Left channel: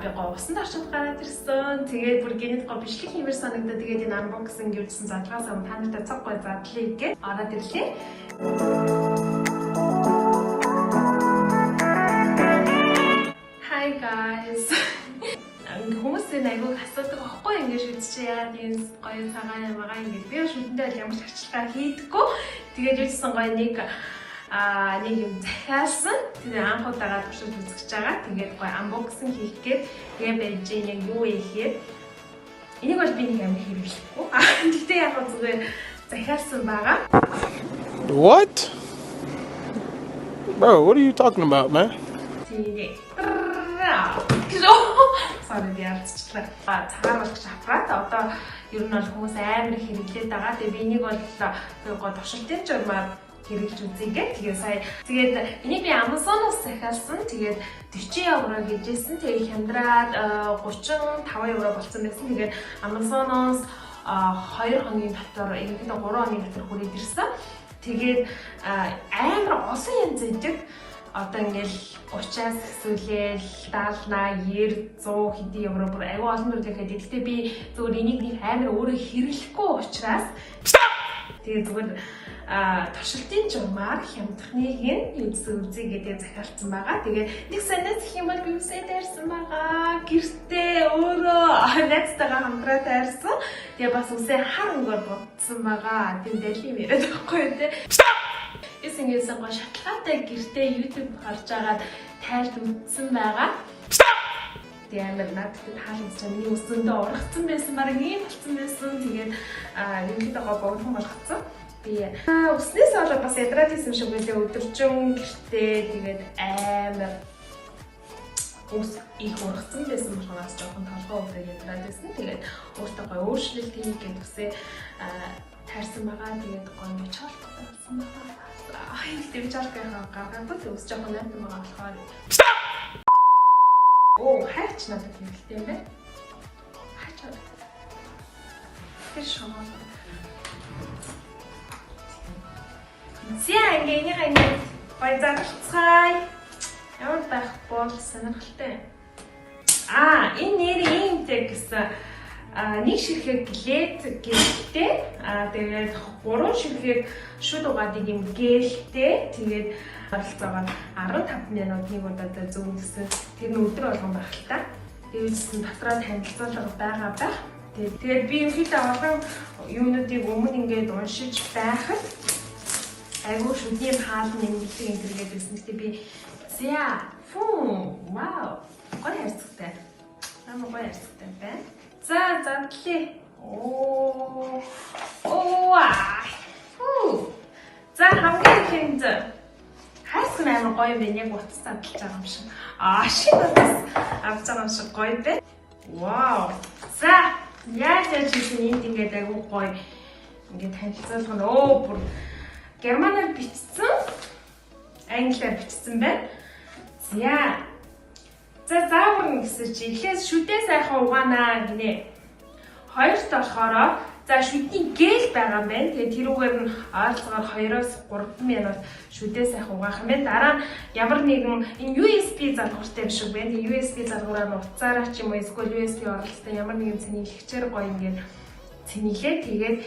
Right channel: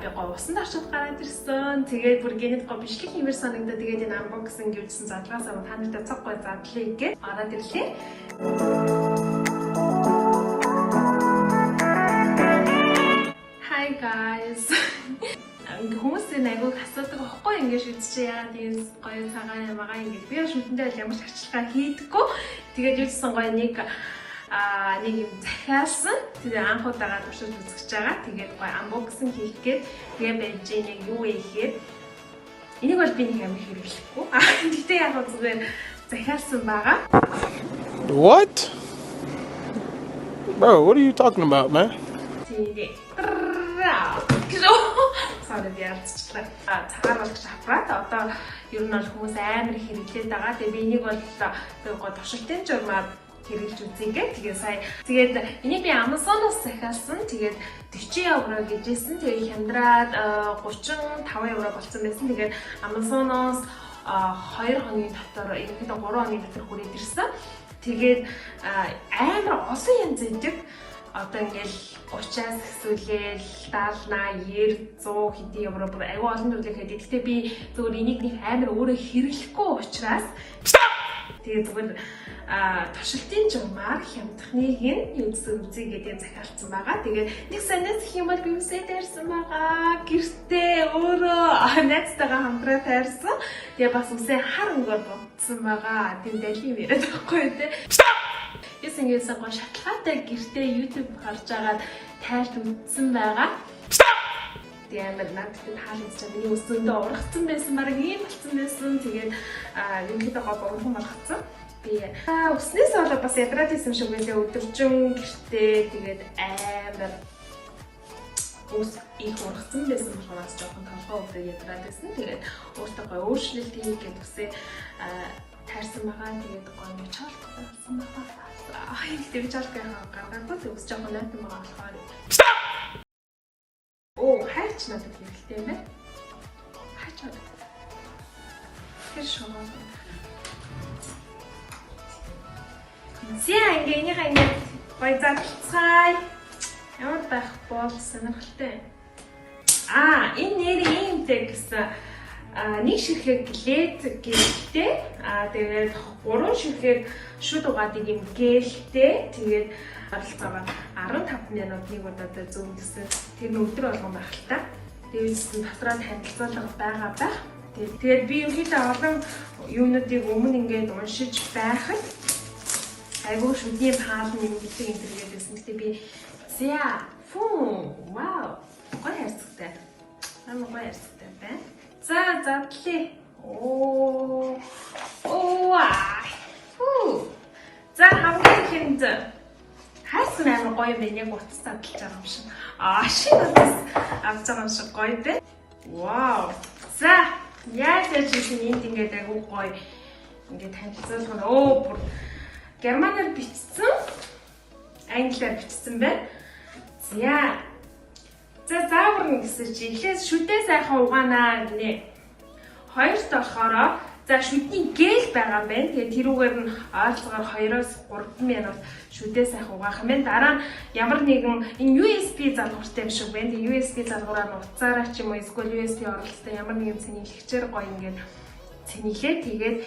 би говсан дарчид гараад ирсэн. Тэгээд бүр гинэт гоо бишлэг хэмээс санагдаад тэгээд энэ unboxing гэвчсэн задгаас аван та нартай цаг гой задлаа гэж ороод ирлээ. Hi guys. Хүмүүсийн айгуу асуудаг байхгүй ингэж үзчихээ яагаад ийм гоё цагаан ямагаа ингэж би шүтэндээ ямар харчилгаа хийдэггүй. Тэгээд үзсэн гоё нэг юм захиалсан. Тэгээд анх удаага туршиж үзэж байгаа. Тэгээд гоё unboxing хийгээд тэгээд байж яг юу ийгээд энийг бол би нэг амар хэрэглэхгүй. Гэтэ яг зүгээр захиалсан байгаа. What? Bro, what are you talking about, man? Цайруулах шапраад одоо ер нь бол хүмүүс амар хэрэглээд байгаа. Тэгээд энийг бол гоо товшилтын журмаар хэрэгж үзье. Тэгээд энийг би Amazon-оос захиалсан. Тэгээд 40 евро гэжсэн. Тэгээд хямдраад 35 евро болсон байсан. Тэгээд Amazon-оос 2 хоногийн дотор ерөнхийдөө 3 хоногийн дотор хүрээд ирсэн. Тэгээд амар олон янз байдаг. Одоо ингээл 30-аас эсвэл 70, 80, 90, 100 хэдэн евро бүр аюу олон зүйлээ хийдэг. Гэхдээ би зөвхөн энийг нэг амар өөрөө хэрэглэхгүй учраас тэгээд зөвхөн туршилтын журмаар хямдхны хин үзэг гэдэг захиалсан байгаа. Тэгээд нэг санаас их юм бол би үсээ дайрсан байгаа. Гэртээ өөрөө найзтайгаа хамтраа тайрсан. Тэгээд бас үсээ хар өнгөөр бодсон байгаа. Тийм дэлхийн яриад байхгүй тий. Ингэсэн гоо шатлаатай гэртээ YouTube харж агаад тайлж үзсэн байгаа. Тэгээд амар надад хаалт чинь миний өсөндөө ургацсан байсан баг ийм болсон байсан. Тэгээд ерөнхийдөө гоо богдхон болгоцсон. Би өснөөс болоод бас ядраад хийсэн шиг байлаа өдөржин гэртээ тэгээд амар ус их ургацсан байсан болохоос жоохон толгой өвдөө ядраад байсан. Тэгээд өөртөө гоо өөрчлөлт хийх гэсэн таарсан байгаа. Тэгээд гоо нэг чуулсан байгаа. Тэгээд чалкаа гаргахгүй төгсөж байгаа найз байгаа болохоор. Оо, хайч надад хэрэгтэй юм байна. Хайч. Хэшоо. Зя ингэ байцаацай. Ямар байх бол сонирхолтой. Энэ нэр ийм гэсэн нэг ширхэг гэлээд гэлтэй. Тэгээд 3 ширхэг шүд угаадаг юм гэлтэй. Тэгээд харилцаагаар 15 минутын удаад зүүнсэн. Тэр нь өдөр болгон байх л та. Тэрээс дотроо танилцуулга байгаа байх. Тэгээд би ерөнхийдөө олон юмнуудыг өмнө ингээд уншиж байхад айгуу шүдийн хаалт нэмэгдэх юм зэрэг байсан. Гэтэ би вау. Гоё хайцтай. Намайг гоё хайцтай байна. За задлээ. За хамгийн хайсан амар гоё байна. Яг утас задлж байгаа юм шиг. Шин утас авч байгаа юм шиг гоё байна. Вау. За яаж хийсэн энд ингээд айгуу гоё ингээд танилцуулах нь бүр германаар бичсэн, англиар бичсэн байна. За заавар гэсэн чи эхлээс шүдээ сайхан угаанаа гинэ. Хоёрт болохоор за шүдний гэл байгаа юм байна. Тэгээ тэрүүгээр нь ойлгохоор 2-оос 3 минут шүдээ сайхан угаах юм байна. Дараа нь ямар нэгэн энэ USB залгууртай биш үү байна. Тэгээ USB залгуураар нь утсаараа ч юм уу эсвэл USB оролттой ямар нэгэн цэнэглэгчээр гоё ингээд цэнэглээ. Тэгээд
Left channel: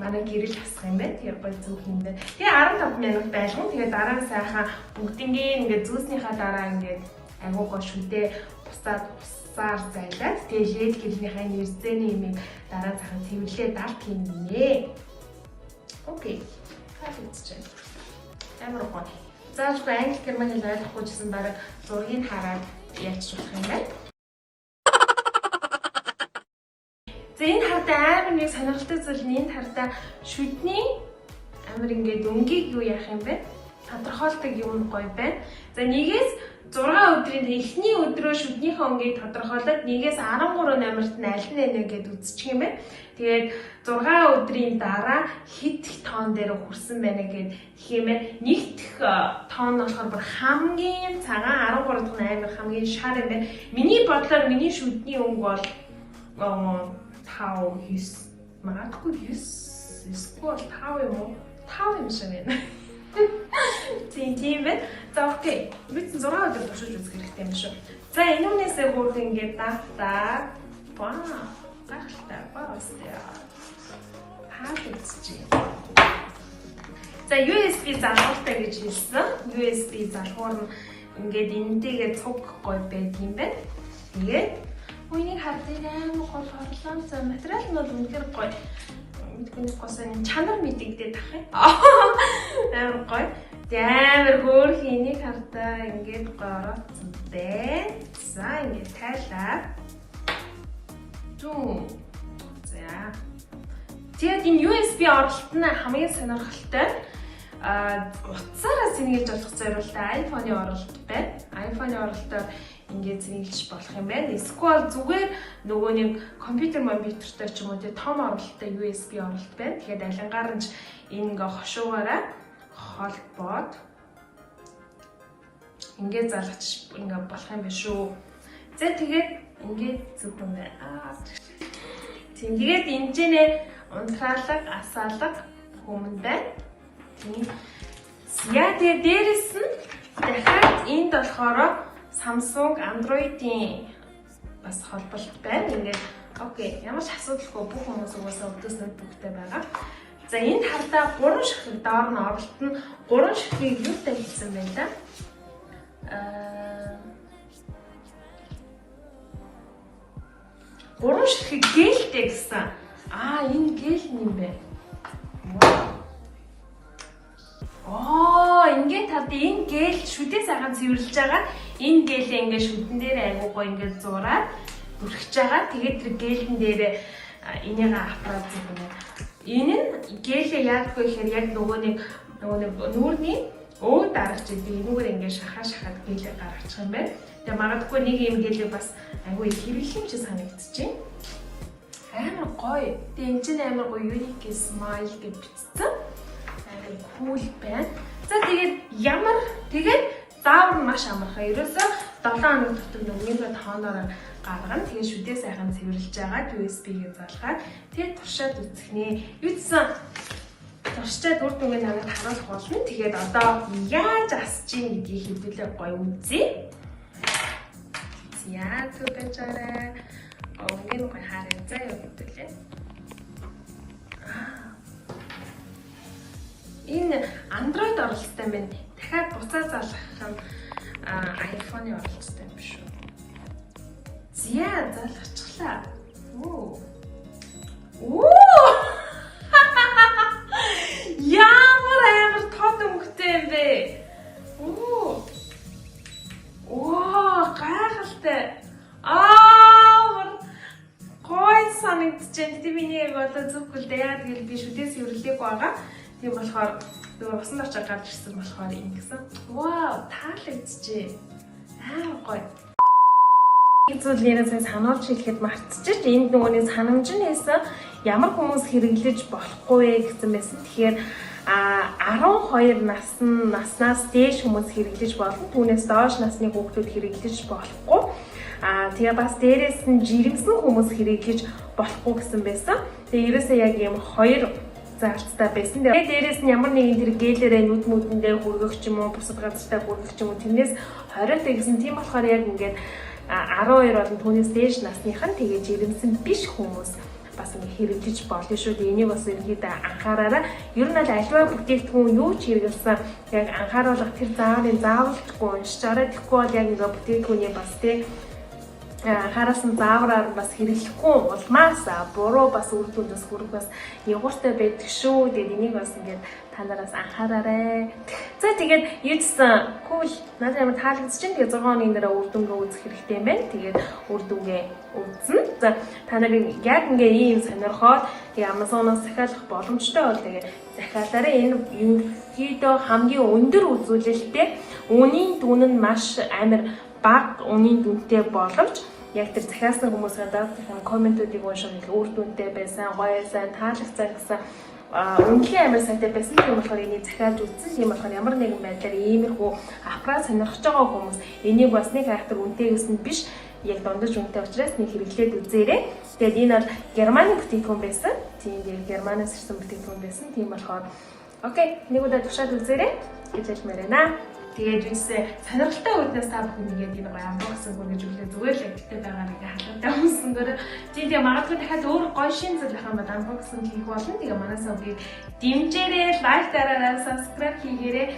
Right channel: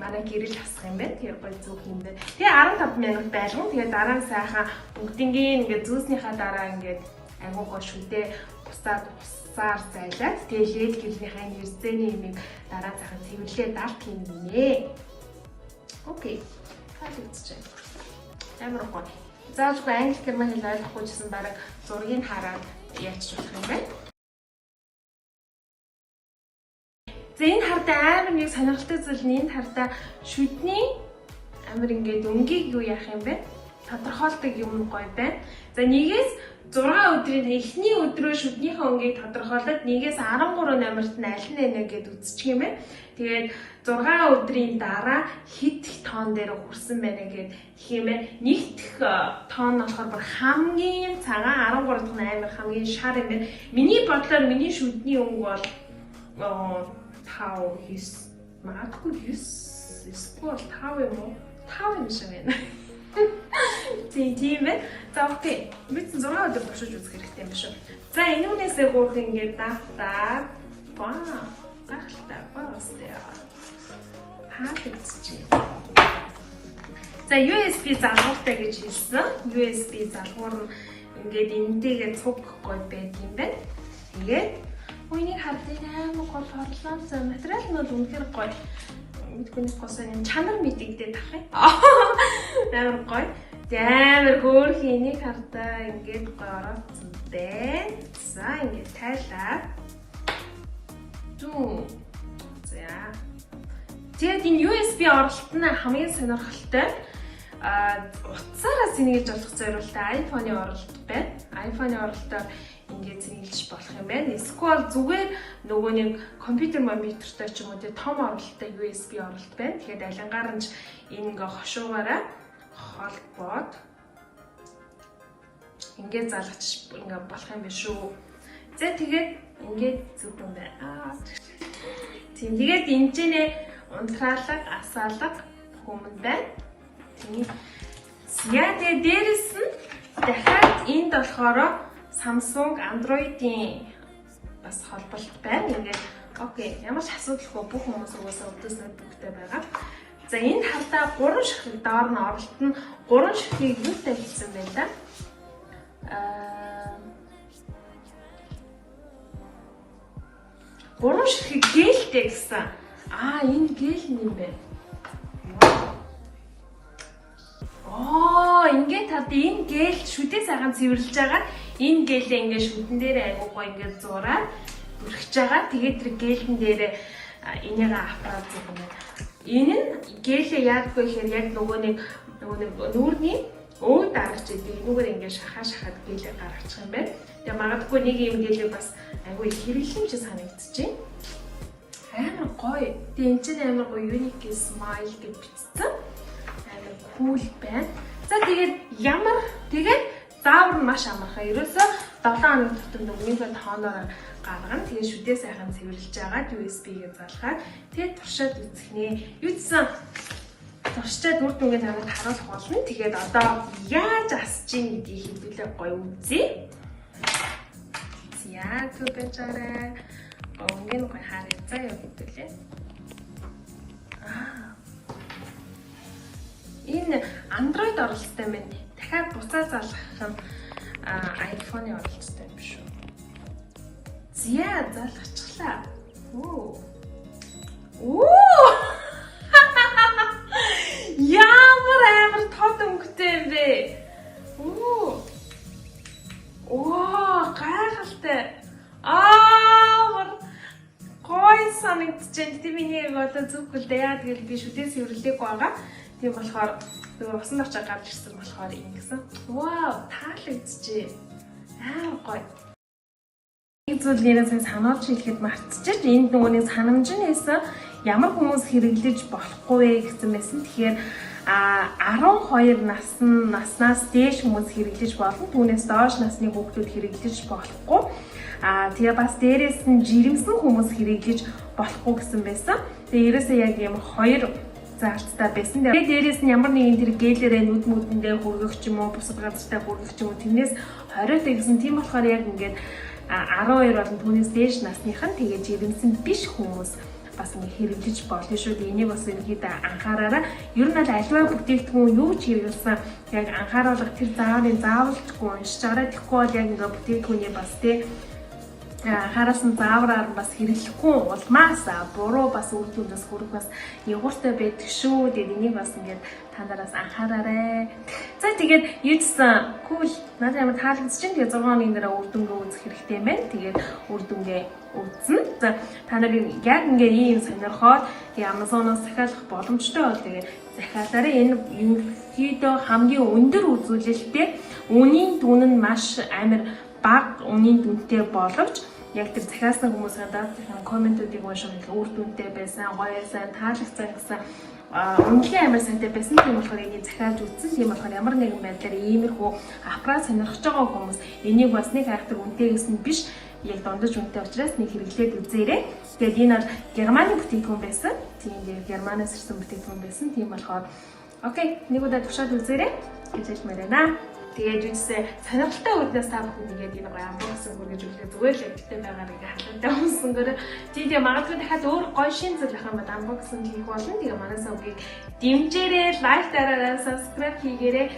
манай гэрэл хасах юм байна. Тэгээ гоё зүг юм байна. Тэгээ 15 минут байлгана. Тэгээ дараа нь сайхан бүгднийг ингээд зүүснийхаа дараа ингээд агуу гоо шүдээ бусаар зайлаад тэгээ лед гэрнийхээ нэвзэний юмыг дараа цахаа цэвэрлээ далт хийнэ. Окей. Амар гоё. Заавал англи герман хэл ойлгохгүй гэсэн баг зургийг хараад яачих юм байна. Энэ хардаа амар нэг сонирхолтой зүйл нь энэ хардаа шүдний амар ингээд өнгийг юу яах юм бэ? Тодорхойлдог юм гоё байна. За нэгээс 6 өдрийн эхний өдрөө шүднийхээ өнгийг тодорхойлоод нэгээс 13 номерт нь аль нь нэ гэдээ үзчих юм байна. Тэгээд 6 өдрийн дараа хэд их тоон дээр хүрсэн байна гэд хэмээн нэгдэх тоон нь болохоор бүр хамгийн цагаан 13 дахь амар хамгийн шар юм байна. Миний бодлоор миний шүдний өнг бол 5 9 магадгүй 9 эсвэл 5 юм уу? 5 юм шиг байна. Тийм ээ. За окей. Бид 6 өдөр туршиж үзэх хэрэгтэй юм шүү. За энүүнээсээ гурав ингээд даатаа. Гахалтай бастай. Хаалцчих. За USB залгууртай гэж хэлсэн. USB залгуур нь ингээд энэтэйгээ цуг гой байд юм байна. Тэгээд үнийг хардсан гол хорлоо. За материал нь бол үнэхээр гоё. Түүний госон чанар мэдэгдээд тах юм. Амар гоё. Амар хөөрхөн энийг хардаа ингээд гороцсон дээ. За ингээд тайлаа. За. Тэгээд энэ USB оролт нь хамгийн сонирхолтой. Утсаараа сэнгэлж болох зориултай iPhone-ы оролт байна. iPhone-ы оролтоор ингээд сэнгэлж болох юм байна. Эсвэл зүгээр нөгөө нэг компьютер монитортой ч юм уу том оролттой USB оролт байна. Тэгэхээр алингаар нь энэ ингээ хошуугаараа холбоод ингээд залгаж ингээ болох юм биш үү. За тэгээд ингээд зүгэн байна. Тэгээд энэчнээ унтраалга, асаалга хүмүүндээ. Яа тэгээд дээрэс нь дахиад энд болохоор Samsung Android-ийн бас холболт байна. Ингээд окей, ямар ч асуудалгүй бүх хүмүүс угаасаа өдөөс ноутбуктай байгаа. За энд хардаа 3 ширхэг доор нь оролт нь 3 ширхгийг юутай хийсэн байна да? Гурван ширхэг гээлтэй гэсэн. Энэ гэл юм байна. Ингээд тав энэ гэл шүдээ сайхан цэвэрлж байгаа. Энэ гэлээ ингээд шүдэн дээр айгуугаа ингээд зураад бүрхэж байгаа. Тэгээд тэр гэлэн дээр энийг аппарат зурна. Энэ нь гэлээ яадгүй ихээр яг нөгөө нэг нүүрний өөд дараач энэгээр ингээд шахаад гэлээ гаргачих юм байна. Тэгээ магадгүй нэг юм гэлээ бас айгүй хэрэглэн ч санагдчихэв. Амар гоё. Тэгээ энэ чинь амар гоё unique smile гэж бичсэн. Амар cool байна. За тэгээд заавар нь маш амархан. Ерөөсөө 7 хоног дотор нөгөөний тооноор гаргана. Тэгээд шүдээ сайхан цэвэрлж байгаа USB-гээ залгаад тэгээд туршаад үзэх нэ. Юуцсан туршаад үр дүнгээ намайг харуулах болно. Тэгээд одоо яаж асч ийн гэдгийг хэлбэлээ гоё үзье. Яа зүгэжээрээ онгийн гоё харин заяа хэлбэлээ. Энэ Android оролцоотой байна. Дахиад буцаа залгах нь iPhone-ы оролцоотой юм шүү. Зя залгачлаа. Ямар амар тод өнгөтэй юм бэ? Гайхалтай. Гой санагдчихээн. Тэ миний яг болоо зүгхэл дээ. Яа тэгэл би шүдээс хөврлээгүй байгаа. Тийм болохоор зөвхөн усан очоо гарч ирсэн болохоор ингэсэн. Таалагдчихэ. Гоё. Нэг зүйлээрээ сануулж хэлэхэд мартчихэж энд нөгөөний санамжнээс ямар хүмүүс хэрэглэж болохгүй вэ гэсэн байсан. Тэгэхээр 12 наснаас дээш хүмүүс хэрэглэж болно. Түүнээс доош насны хүүхдүүд хэрэглэж болохгүй. Тэгээ бас дээрээс нь жирэмсэн хүмүүс хэрэглэж болохгүй гэсэн байсан. Тэгээ ерөөсөө яг юм хоёр заалттай байсан. Тэгээд дээрээс нь ямар нэгэн тэр гэлээрээ нүд мүдэндээ хүргэх ч юм уу, бусад газартаа хүргэх ч юм уу, тэрнээс 20-тай гэсэн. Тийм болохоор яг ингээд 12 болон түүнээс дээш насныхан тэгээд жирэмсэн биш хүмүүс бас хэрэглэж болно шүү. Энийг бас иргэд анхаараарай. Ер нь аливаа бүтээгдэхүүн юу ч хэрэглэсэн яг анхааруулах тэр заавалжгүй уншиж арай. Тэгэхгүй бол яг ингээ бүтээгдэхүүний бас хараас нь заавраар бас хэрэглэхгүй улмаас буруу бас үр дүндээс хүрэх бас ягууртай байдаг шүү. Тэгээд энийг бас ингээд та нараас анхаараарай. За тэгээд юуцсан cool надад ямар таалагдчих чинь. Тэгээд 6 хоногийн дараа үр дүнгээ үзэх хэрэгтэй юм байна. Тэгээд үр дүнгээ үзнэ. За та нарыг яг ингээ ийм сонирхоод Amazon-оос захиалах боломжтой бол тэгээд захиалаарай. Энэ ерөнхийдөө хамгийн өндөр үзүүлэлттэй үнийн дүн нь маш амар бага үнийн дүнтэй боловч яг тэр захиалсан хүмүүсийн даад комментүүдийг унших үр дүнтэй байсан, гоё сайн, таалагдсан гэсэн үнэхээр амар сантай байсан. Тийм болохоор энийг захиалж үзсэн. Тийм болохоор ямар нэгэн байдлаар иймэрхүү аппарат сонирхож байгаа хүмүүс энийг бас нэг хайхтар үнэтэй гэсэн биш. Яг дундаж үнэтэй учраас нэг хэрэглээд үзээрэй. Тэгээд энэ бол Германы бүтээгдэхүүн байсан. Тийм Германаас ирсэн бүтээгдэхүүн байсан. Тийм болохоор окей, нэг удаа туршаад үзээрэй гэж хэлмээр байна. Тэгээд юусээ сонирхолтой үднээс та бүхэн нэгээд энэ гоё unboxing хүргэж өглөө зүгээр л өвчтэй байгаа нэг халуутай хүмүүсээр тийм магадгүй дахиад өөр гоё шин зүйл ах юм бол unboxing хийх болно. Тэгээ манай сувгийг дэмжээрэй, лайк дараарай, subscribe хийгээрэй.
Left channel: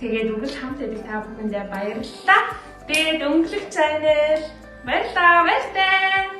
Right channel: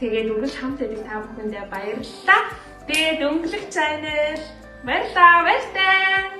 Тэгээд үргэлж хамт байдаг та бүхэндээ баярлалаа. Тэгээд өнгөлөг channel баярлалаа.